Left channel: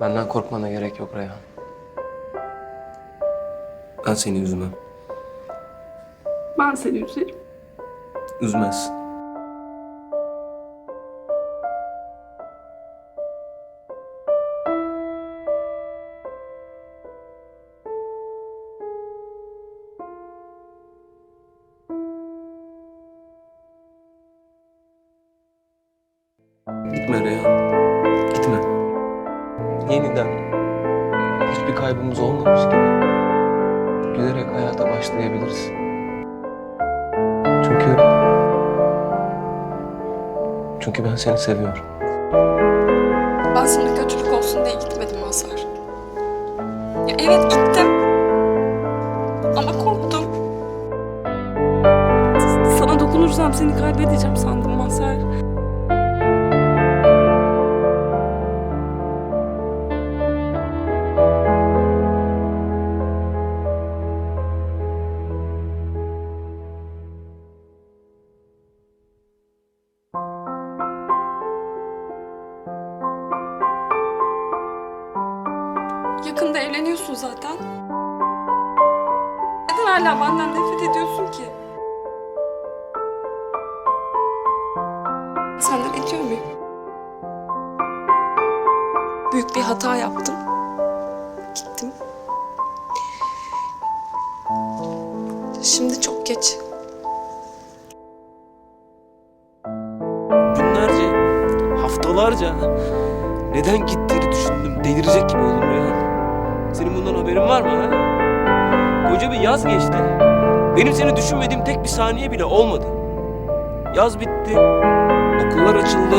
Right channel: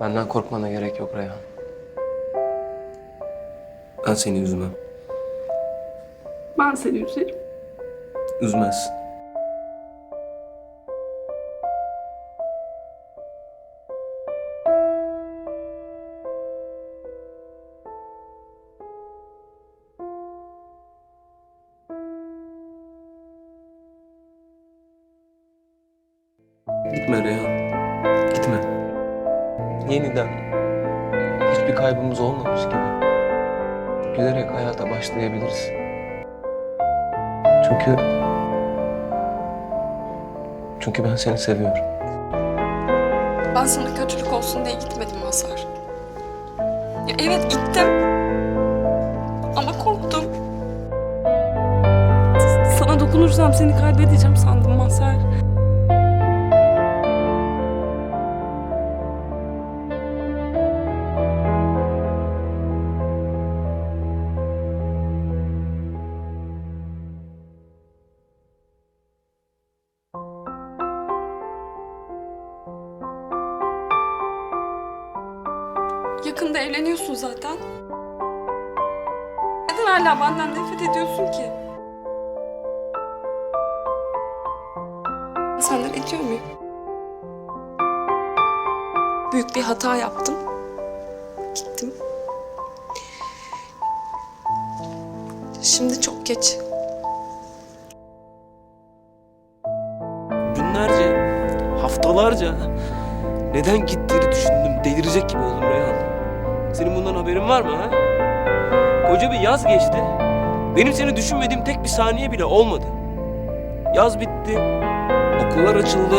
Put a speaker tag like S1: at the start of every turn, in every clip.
S1: Benden korkmana gerek yok Reyhan. Ben seni üzmem.
S2: Ben seni üzerim.
S1: Üzmezsin. Gitme Reyhan. Yeniden hiçbir kaybımız olmamış gibi gülerek hayata başlayabiliriz. Çünkü çünkü ben seni seviyorum.
S2: Ben sana kötülük olsun diye gitmedim Mazhar. Ya evet gittim. Ama korktum. Sana dokunursam seni kaybedeceğim sandım Mazhar. Yakında evleniyorsun zaten. Neden hala benden nefret ediyorsun ki? Senden ediyor muyum? Büyük bir hata yaptım. Gittim. Şimdi çok geç.
S3: Günlerce, haftalarca neden gittiğini düşündüm. Delirecek gibi oldum Reyhan. Senin bundan haberin var mı ha? Koca bir yaz geçti. Benim seni düşünmediğim tek bir saniye bile olmadı. Yaz bitti. Okullar açıldı.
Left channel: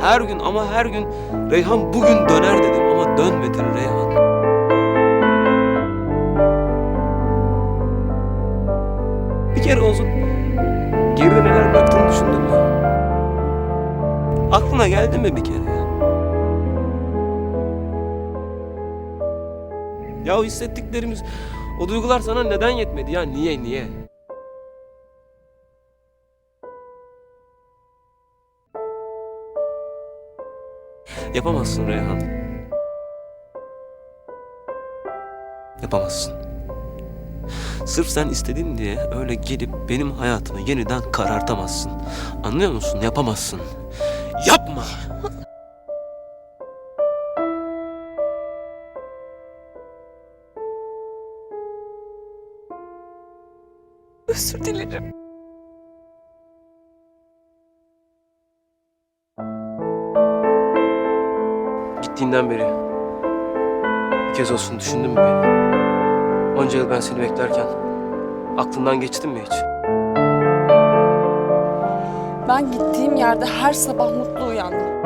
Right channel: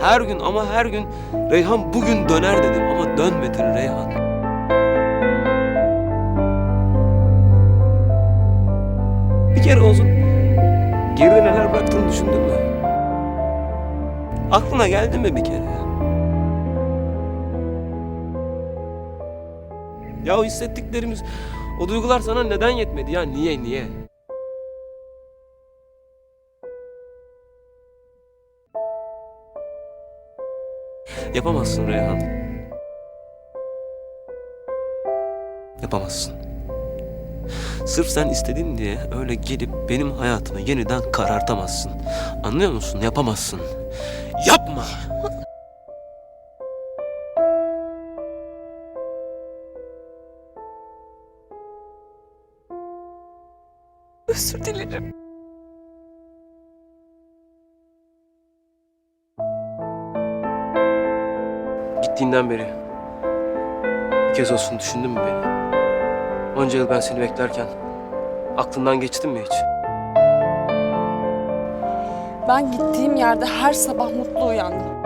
S3: Her gün ama her gün Reyhan bugün döner dedim ama dönmedin Reyhan. Bir kere olsun geride neler bıraktığını düşündün mü? Aklına geldi mi bir kere ya? Ya o hissettiklerimiz, o duygular sana neden yetmedi ya? Niye, niye? Yapamazsın Reyhan. Yapamazsın. Sırf sen istedin diye öyle gelip benim hayatımı yeniden karartamazsın. Anlıyor musun? Yapamazsın. Yapma!
S2: Özür dilerim.
S1: Gittiğinden beri bir kez olsun düşündün mü beni? Onca yıl ben seni beklerken aklından geçti mi hiç?
S2: Ben gittiğim yerde her sabah mutlu uyandım.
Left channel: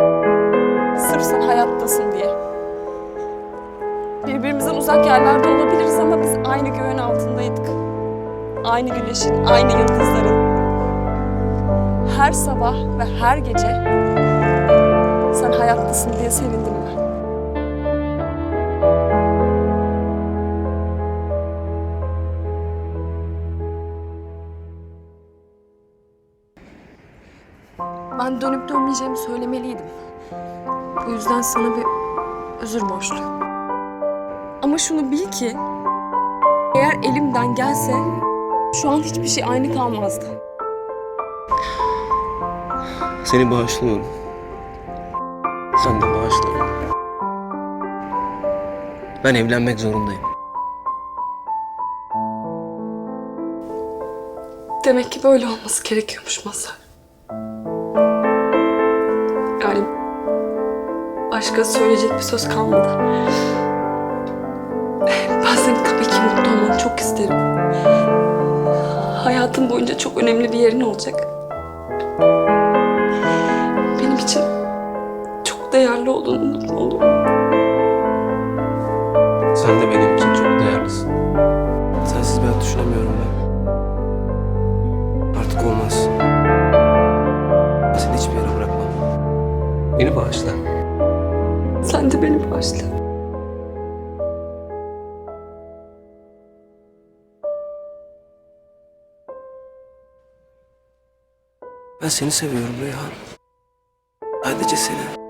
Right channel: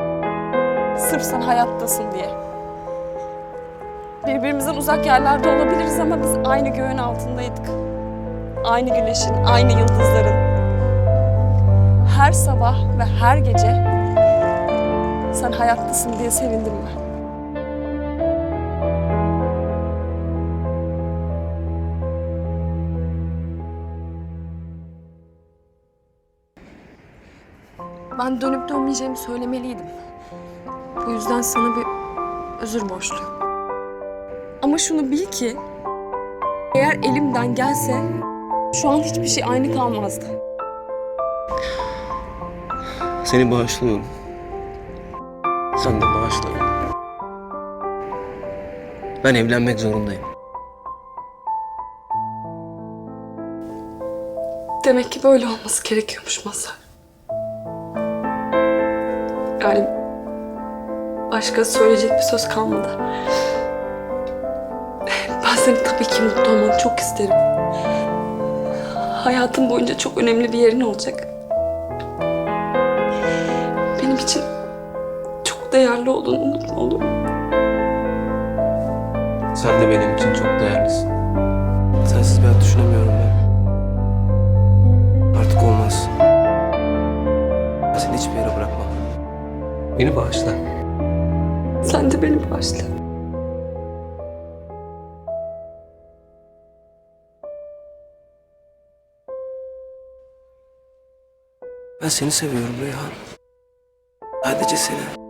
S2: Sırf sen hayattasın diye. Birbirimizden uzak yerlerde olabiliriz ama biz aynı göğün altındaydık. Aynı güneşin, aynı yıldızların. Her sabah ve her gece sen hayattasın diye sevindim ben. Ben dönüp dönmeyeceğimi söylemeliydim. Bu yüzden sana bir özür borçluyum. Ama şunu bil ki eğer elimden gelse şu an hiçbir şey aynı kalmazdı.
S1: Seni bağışlıyorum. Sen de bağışla beni. Ben evlenmek zorundayım.
S2: Demek ki böyle olması gerekiyormuş Mazhar. Yani başka söyleyecek bir söz kalmadı. Ben senin tabii ki mutlu olmanı çok isterim. Hayatım boyunca çok önemli bir yerin olacak. Benim için çok değerli olduğunu unutma olur mu?
S1: Sen de benim için çok değerlisin. Sensiz bir hayat düşünemiyorum ben. Artık olmaz. Ben seni hiçbir yere bırakmam. Beni bağışla.
S2: Sen de beni bağışla.
S1: Ben seni seviyorum Reyhan. Sadece seni.